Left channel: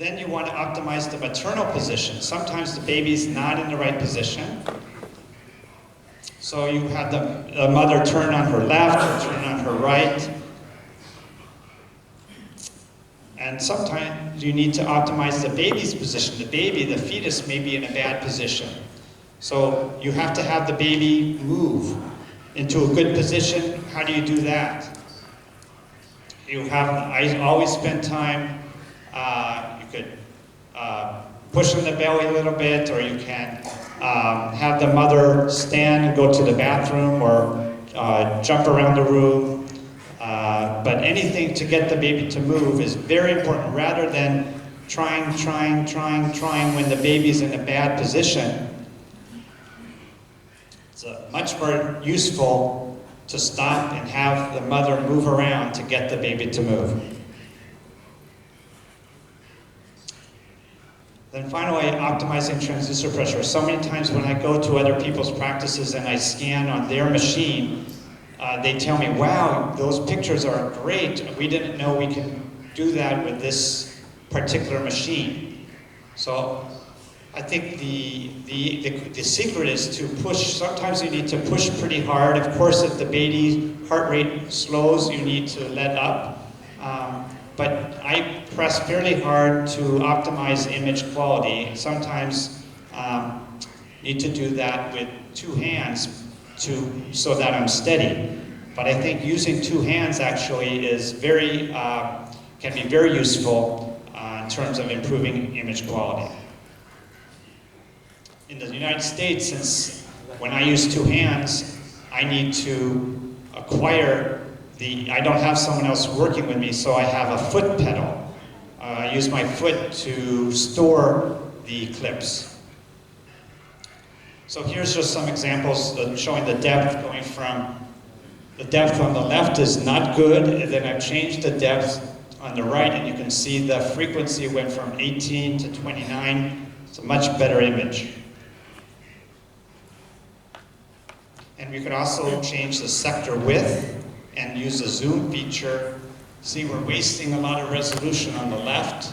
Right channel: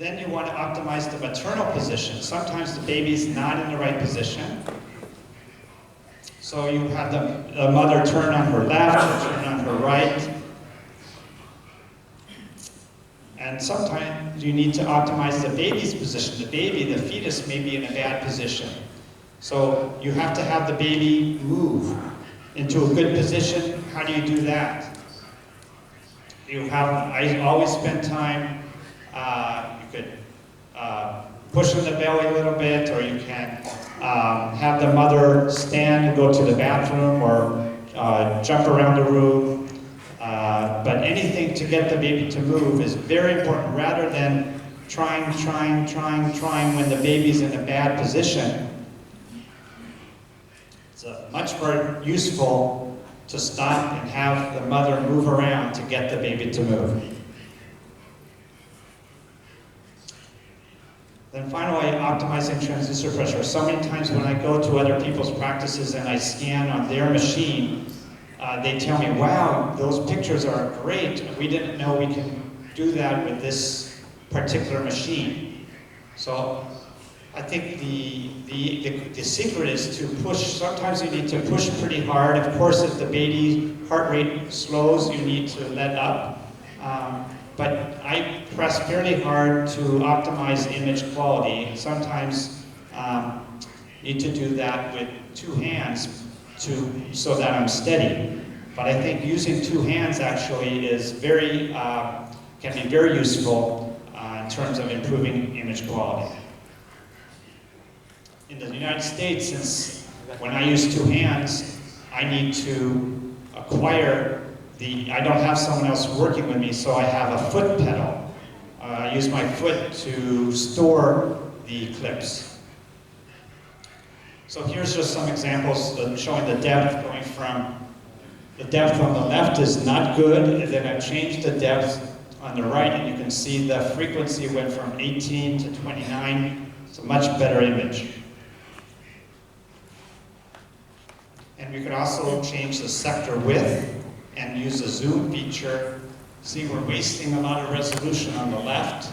Then you want to optimize the maternal position. Sometimes the baby's not in the right position. So you have the mother turn on her left or turn on her right. And sometimes you need to optimize the baby's position. The baby, the fetus, may be in a bad position. So you have to have the baby move into a good position. How do you do that? I always spend time, you could push on the belly a little bit, or you can have the mother stand and go to the bathroom, or jump around the room. But anything to get the baby to move is very important, rather than trying when the baby's in a bad position. It's much more useful to stop and have the mother move around to get the baby to move. Then finally, optimizing transducer pressure. So many times when I go to other people's practices and I scan on their machine, they tell me, wow, those pictures are great. We didn't know we can do that with this particular machine. So I think the secret is to push. Sometimes you need to push pretty hard. Of course, if the baby heart rate slows, you need to let up. But I press fairly hard to optimize image quality. Sometimes need to do that with two hands so that I'm steady. But I think using two hands actually is can be very useful in terms of improving image quality. In the United States, since when I use two hands, I need to acquire I don't have someone else working with me, so I have a foot pedal. I use my foot to store the clips. So here's just some examples showing the depth going from, the depth on the left is not good, and then I've changed the depth on the right, and you can see the frequency went from 18 to 29. It's a much better image. And we could also change the sector width and use the zoom feature. See, we're wasting a lot of resolution on the left.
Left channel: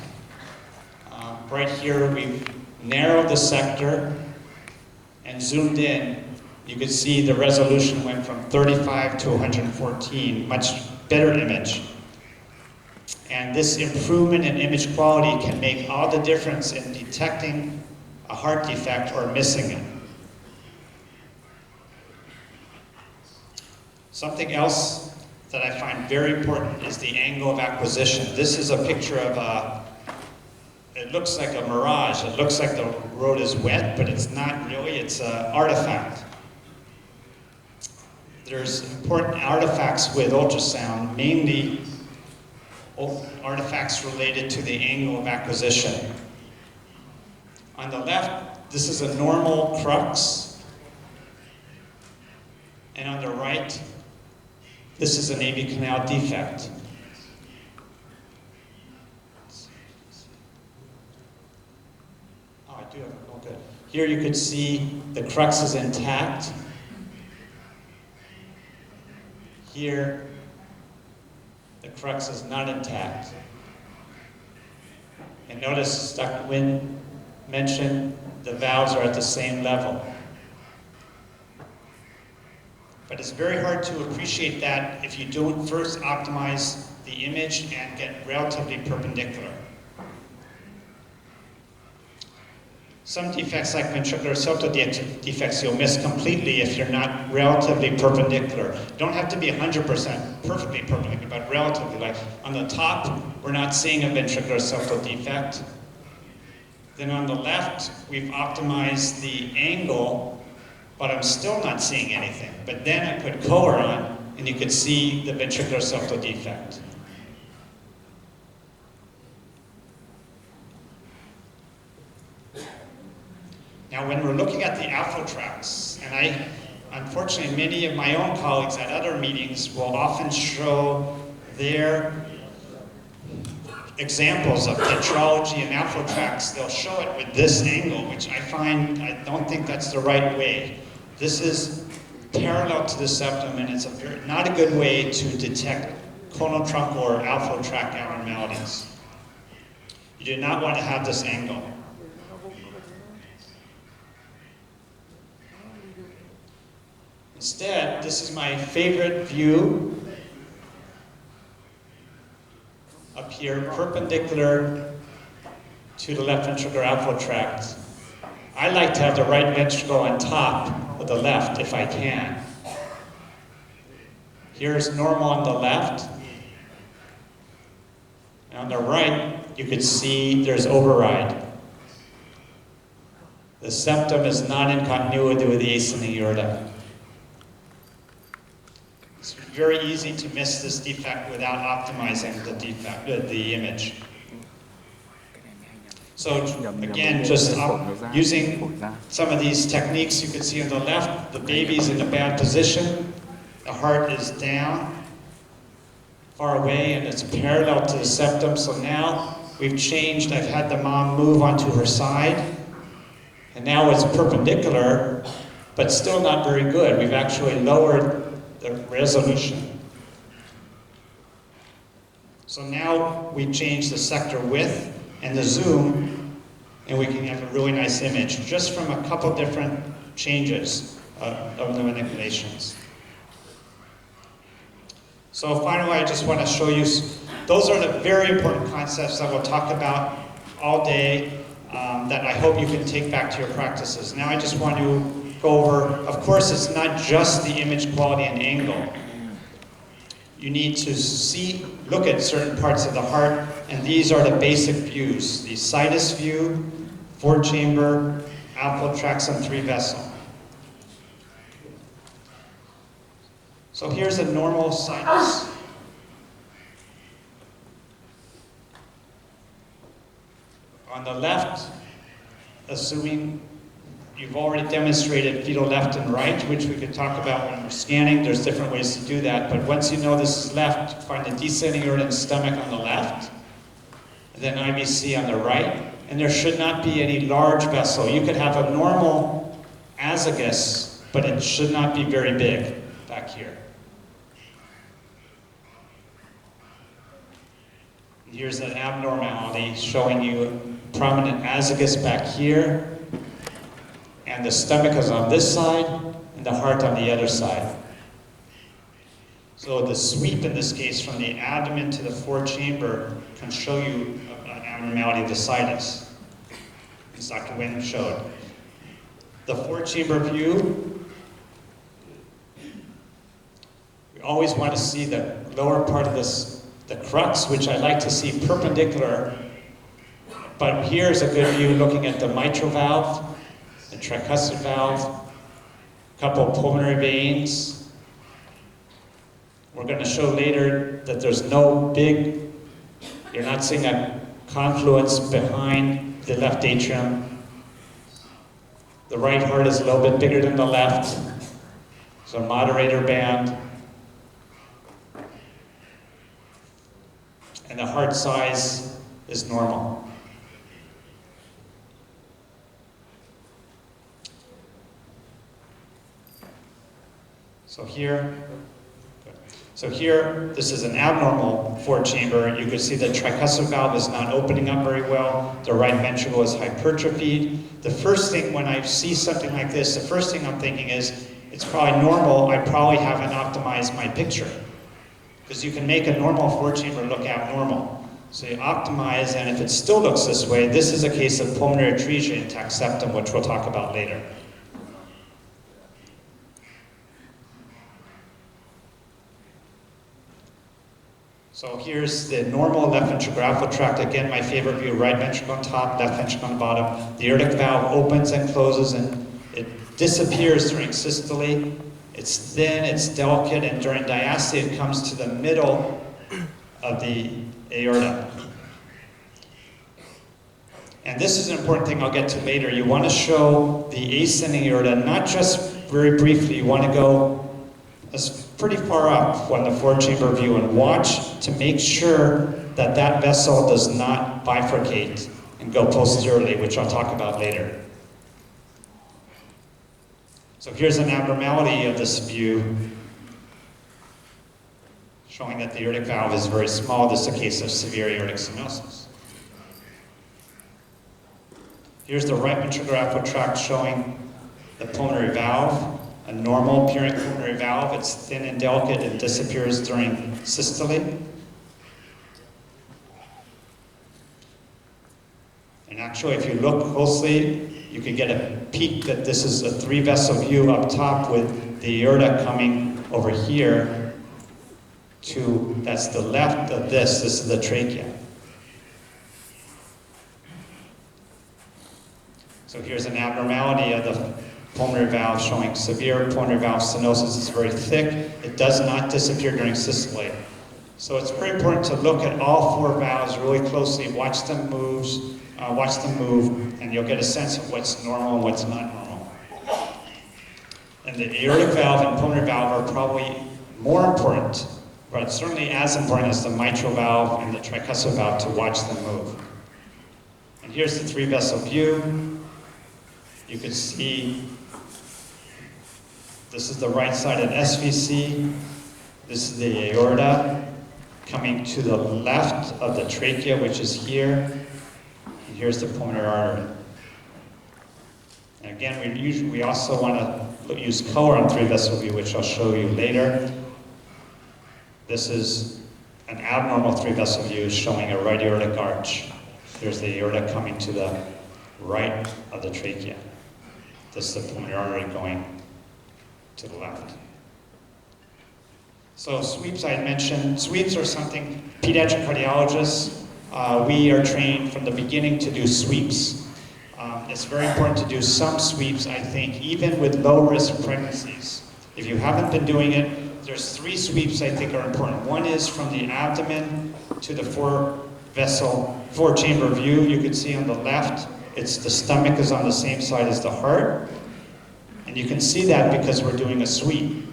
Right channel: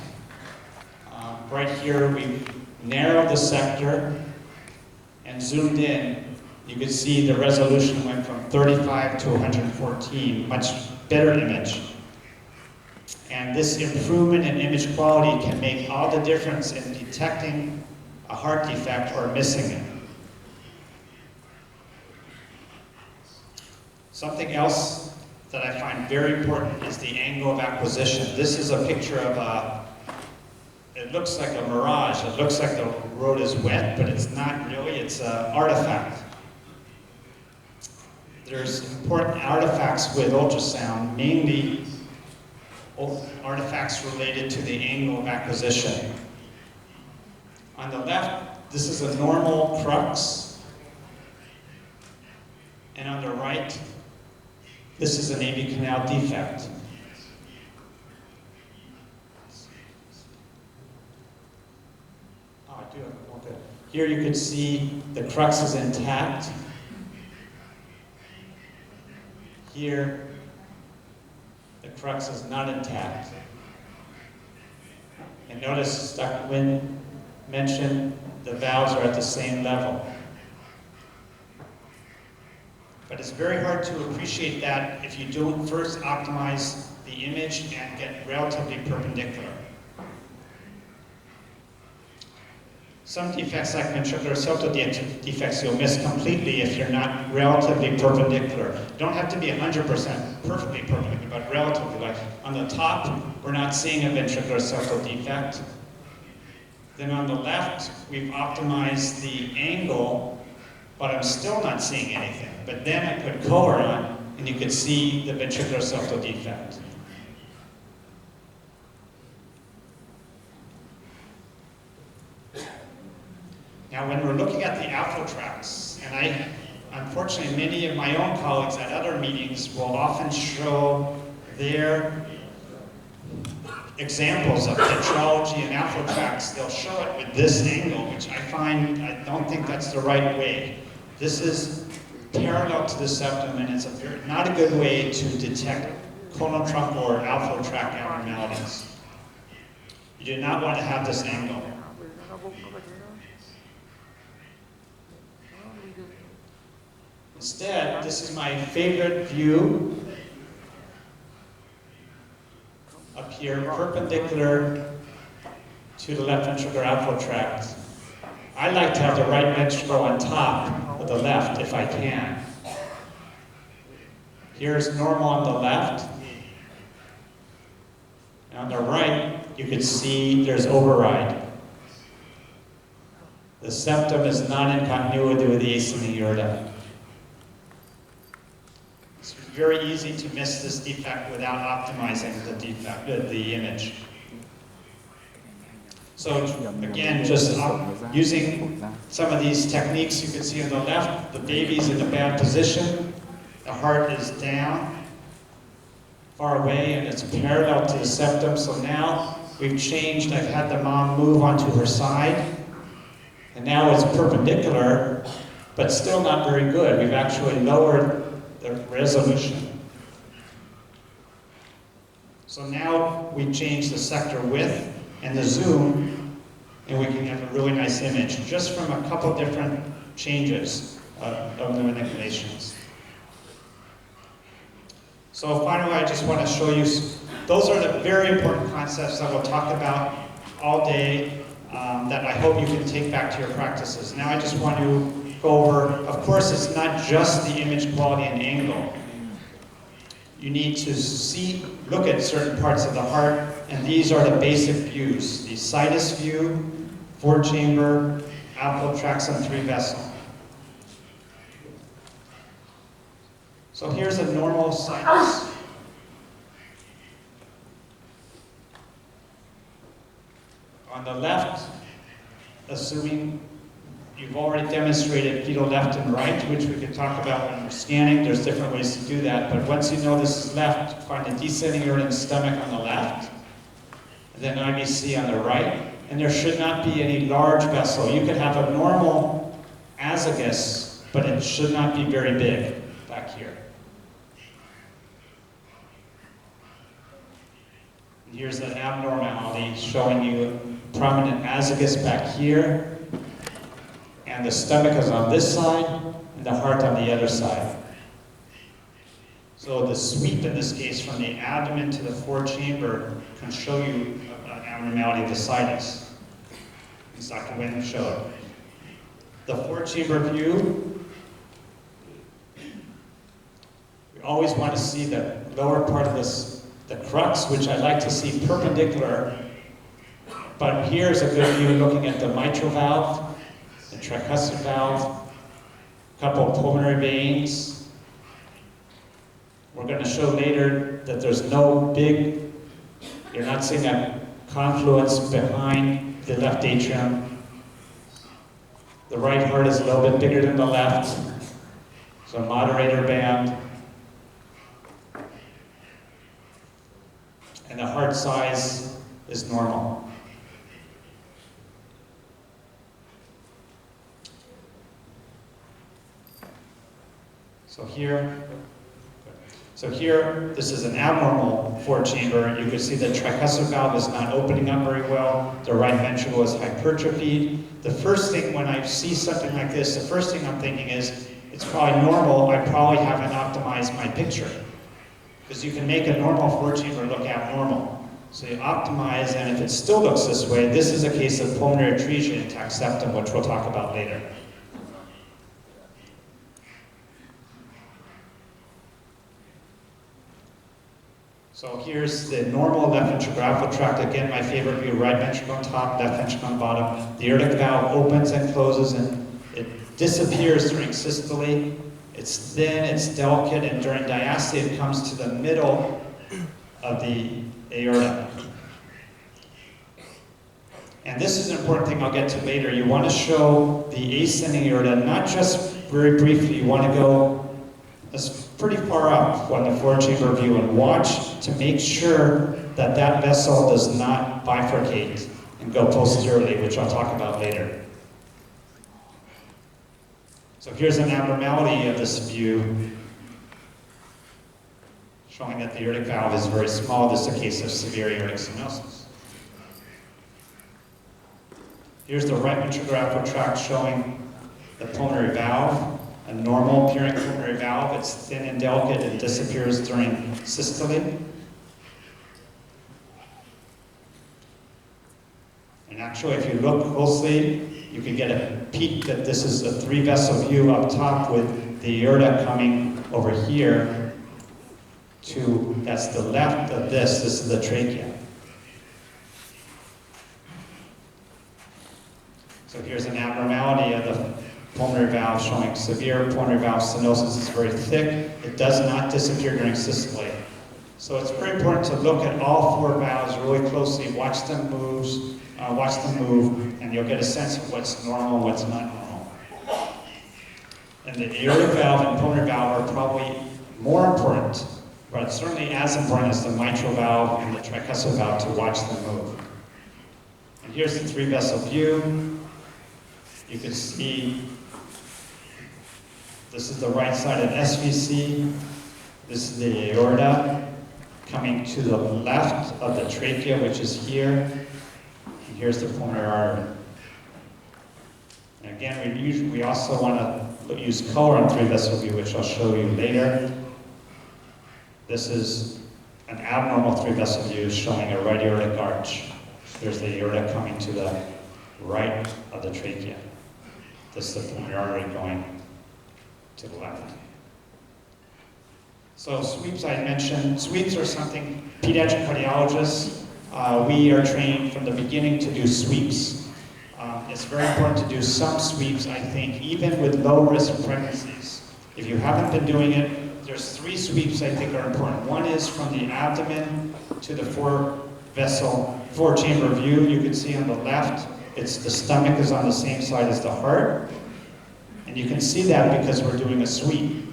Right here, we've narrowed the sector and zoomed in. You can see the resolution went from 35 to 114, much better image. And this improvement in image quality can make all the difference in detecting a heart defect or missing it. Something else that I find very important is the angle of acquisition. This is a picture of it looks like a mirage. It looks like the road is wet, but it's not really. It's an artifact. There's important artifacts with ultrasound, mainly artifacts related to the angle of acquisition. On the left, this is a normal crux. And on the right, this is an AV canal defect. Oh, I do have it. Oh, good. Here you can see the crux is intact. Here, the crux is not intact. And notice, Dr. Nguyen mentioned the valves are at the same level. But it's very hard to appreciate that if you don't first optimize the image and get relatively perpendicular. Some defects, like ventricular septal defects, you'll miss completely if you're not relatively perpendicular. You don't have to be 100% perfectly perpendicular, but relatively. Like on the top, we're not seeing a ventricular septal defect. Then on the left, we've optimized the angle, but I'm still not seeing anything. But then I put color on, and you could see the ventricular septal defect. Now, when we're looking at the AffloTrax, and unfortunately, many of my own colleagues at other meetings will often show their examples of tetralogy and AffloTrax. They'll show it with this angle, which I don't think that's the right way. This is parallel to the septum, and it's not a good way to detect colon trunk or AffloTract abnormalities. You do not want to have this angle. Instead, this is my favorite view up here, perpendicular to the left ventricular outflow tract. I like to have the right ventricle on top of the left if I can. Here's normal on the left. And on the right, you can see there's override. The septum is not in continuity with the ascending aorta. It's very easy to miss this defect without optimizing the image. So again, just using some of these techniques, you can see on the left, the baby's in a bad position. The heart is down, far away, and it's parallel to the septum. So now we've changed. I've had the mom move onto her side, and now it's perpendicular, but still not very good. We've actually lowered the resolution. So now we change the sector width and the zoom, and we can have a really nice image just from a couple different changes of the manipulations. So finally, I just want to show you, those are the very important concepts that we'll talk about all day that I hope you can take back to your practices. Now I just want to go over, of course, it's not just the image quality and angle. You need to look at certain parts of the heart, and these are the basic views. The situs view, 4-chamber, outflow tracts, and 3-vessel. So here's a normal sinus. On the left, assuming you've already demonstrated fetal left and right, which we could talk about when we're scanning. There's different ways to do that, but once you know this is left, find the descending aorta and stomach on the left, and then IVC on the right, and there should not be any large vessel. You could have a normal azygos, but it should not be very big back here. And here's an abnormality showing you prominent azygos back here, and the stomach is on this side, and the heart on the other side. So the sweep in this case from the abdomen to the 4-chamber can show you an abnormality of the sinus, as Dr. Nguyen showed. The 4-chamber view, we always want to see the lower part of this, the crux, which I like to see perpendicular, but here's a good view looking at the mitral valve, the tricuspid valve, a couple of pulmonary veins. We're going to show later that there's no big, you're not seeing a confluence behind the left atrium. The right heart is a little bit bigger than the left, so moderator band. And the heart size is normal. So here, this is an abnormal 4-chamber. You can see the tricuspid valve is not opening up very well. The right ventricle is hypertrophied. The first thing when I see something like this, the first thing I'm thinking is, it's probably normal. I probably haven't optimized my picture. Because you can make a normal 4-chamber look abnormal. So you optimize, and if it still looks this way, this is a case of pulmonary atresia, intact septum, which we'll talk about later. So here's the normal left ventricular outflow tract. Again, my favorite view, right ventricle on top, left ventricle on bottom. The aortic valve opens and closes, and it disappears during systole. It's thin, it's delicate, and during diastole, it comes to the middle of the aorta. And this is an important thing I'll get to later. You want to show the ascending aorta, not just very briefly. You want to go pretty far up on the 4-chamber view and watch to make sure that that vessel does not bifurcate and go posteriorly, which I'll talk about later. So here's an abnormality of this view, showing that the aortic valve is very small. This is a case of severe aortic stenosis. Here's the right ventricular outflow tract showing the pulmonary valve, a normal appearing pulmonary valve. It's thin and delicate and disappears during systole. And actually, if you look closely, you can get a peek that this is a 3-vessel view up top with the aorta coming over here to, that's the left of this is the trachea. So here's an abnormality of the pulmonary valve showing severe pulmonary valve stenosis. It's very thick. It does not disappear during systole. So it's very important to look at all 4 valves really closely, watch them move, and you'll get a sense of what's normal and what's not normal. And the aortic valve and pulmonary valve are probably more important, but certainly as important as the mitral valve and the tricuspid valve to watch them move. And here's the 3-vessel view. You can see this is the right side of SVC. This is the aorta coming to the left of the trachea, which is here. And here's the pulmonary artery. And again, we also want to use color on 3-vessel view, which I'll show you later. This is an abnormal 3-vessel view showing a right aortic arch. Here's the aorta coming to the right of the trachea. This is the pulmonary artery going to the left. So sweeps I mentioned. Sweeps are something pediatric cardiologists, we are trained from the beginning to do sweeps. It's very important to do some sweeps, I think, even with low-risk pregnancies. If you haven't been doing it, there's 3 sweeps I think are important. One is from the abdomen to the 4-chamber view. You can see on the left, it's the stomach is on the same side as the heart. And you can see that because we're doing a sweep.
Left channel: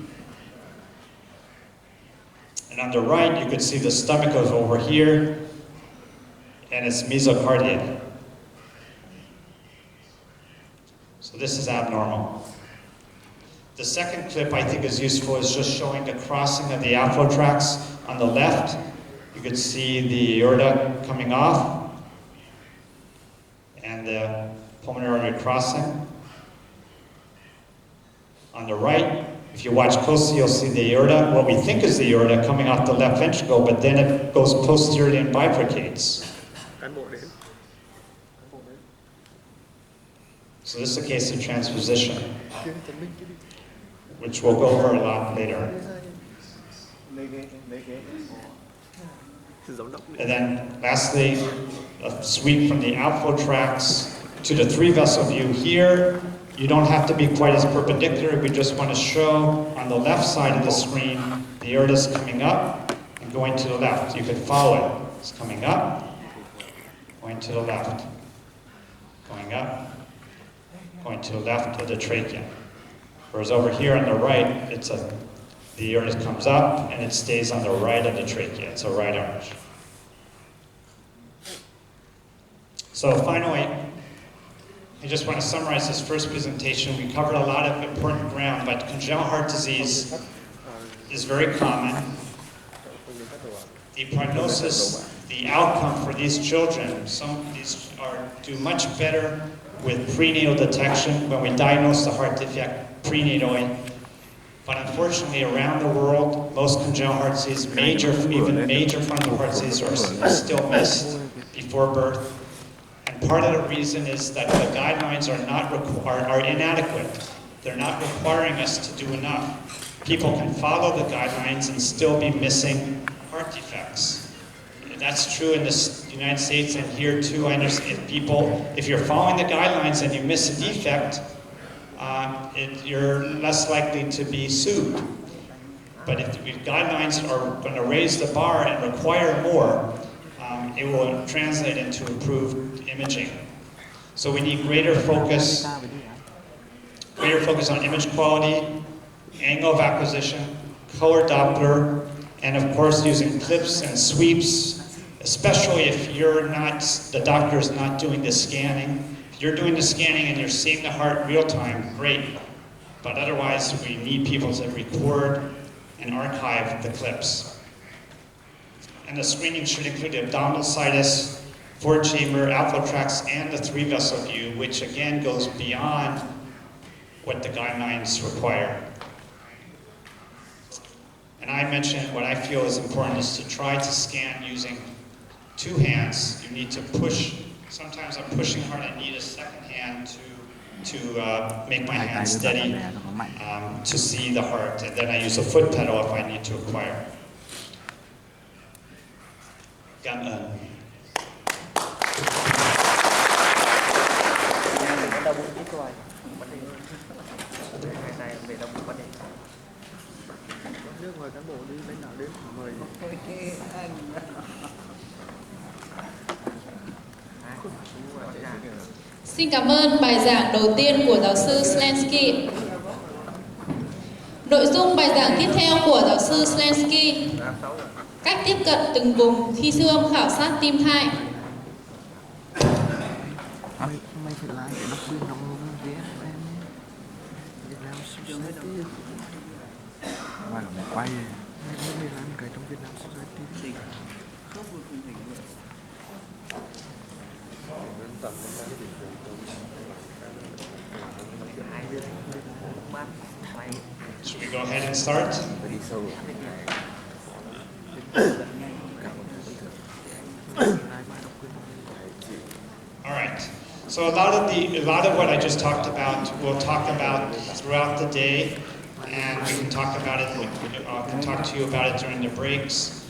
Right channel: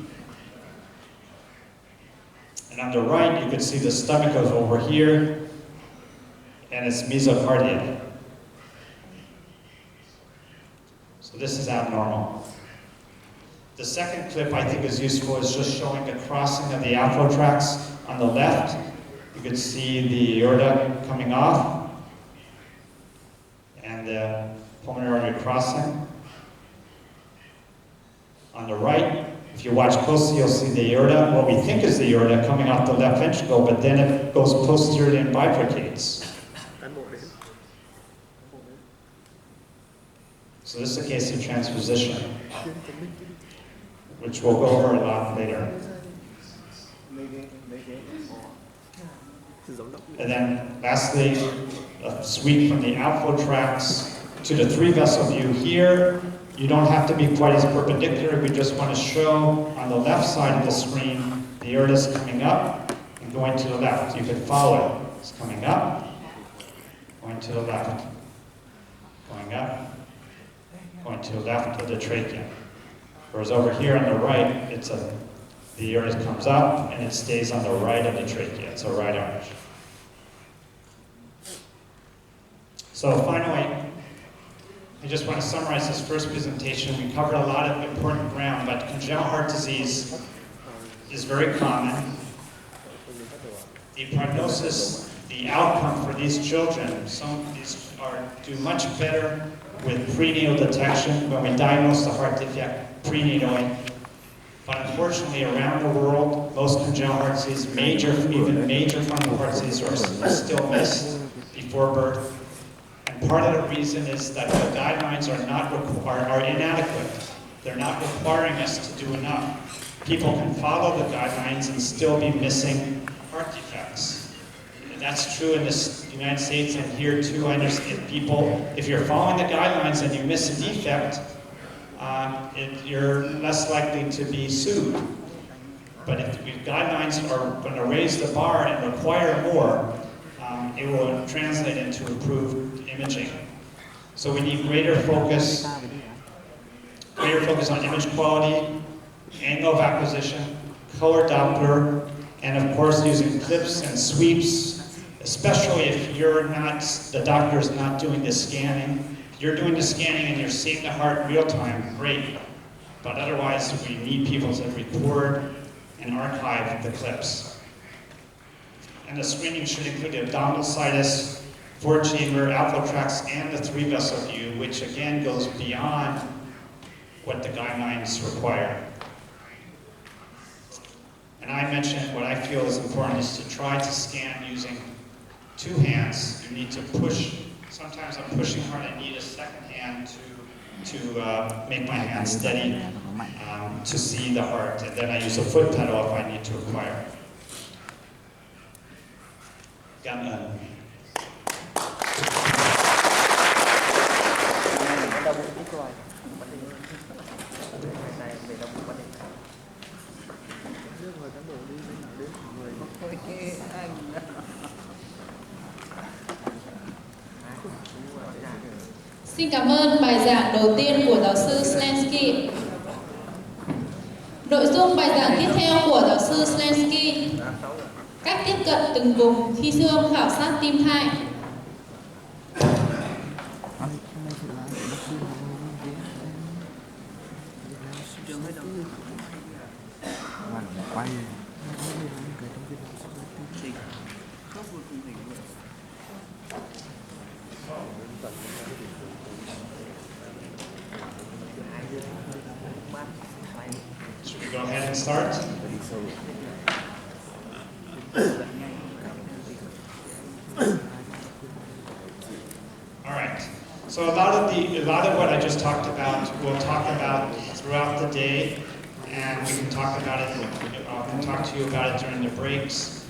And on the right, you can see the stomach goes over here, and it's mesocardial. So this is abnormal. The second clip I think is useful is just showing the crossing of the outflow tracts. On the left, you can see the aorta coming off, and the pulmonary artery crossing. On the right, if you watch closely, you'll see the aorta, what we think is the aorta, coming off the left ventricle, but then it goes posteriorly and bifurcates. So this is a case of transposition, which we'll go over a lot later. And then lastly, a sweep from the outflow tracts to the 3-vessel view here. You don't have to be quite as perpendicular. We just want to show on the left side of the screen, the aorta is coming up and going to the left. You can follow it. It's coming up, going to the left, going up, going to the left of the trachea. Whereas over here on the right, the aorta comes up and it stays on the right of the trachea. It's a right arch. So finally, I just want to summarize this first presentation. We covered a lot of important ground, but congenital heart disease is very common. The prognosis, the outcome for these children, some of these do much better with prenatal detection when we diagnose the heart defect prenatally. But unfortunately, around the world, most congenital heart disease, even major frontal heart disease, are still missed before birth. And part of the reason is that the guidelines are inadequate. They're not requiring us to do enough. People can follow the guidelines and still be missing heart defects. And that's true in the United States and here too. I understand if you're following the guidelines and you miss a defect, you're less likely to be sued. But if the guidelines are going to raise the bar and require more, it will translate into improved imaging. So we need greater focus on image quality, angle of acquisition, color Doppler, and of course using clips and sweeps, especially if the doctor's not doing the scanning. If you're doing the scanning and you're seeing the heart in real time, great. But otherwise, we need people to record and archive the clips. And the screening should include abdominal situs, 4-chamber AlphaTrax and the 3-vessel view, which again goes beyond what the guidelines require. And I mentioned what I feel is important is to try to scan using 2 hands. You need to push. Sometimes I'm pushing hard. I need a second hand to make my hand steady to see the heart. And then I use a foot pedal if I need to acquire. Cảm ơn. Xin cảm ơn bài giảng đầu tiên của giáo sư Slensky. Nội dung bài giảng tiếp theo của giáo sư Slensky: cách tiếp cận từng vùng khi siêu âm khảo sát tim thai. Should we go ahead and start? All right. So a lot of what I just talked about, we'll talk about throughout the day, and we can talk about it. I can talk to you about it during the breaks.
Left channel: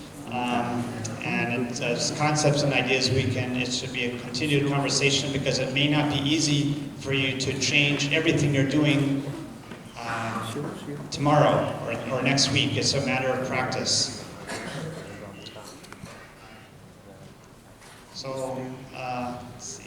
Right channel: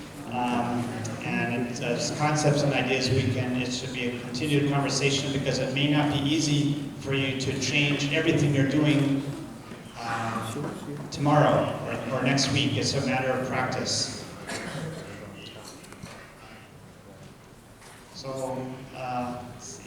And it's concepts and ideas it should be a continued conversation because it may not be easy for you to change everything you're doing tomorrow or next week. It's a matter of practice. So, let's see.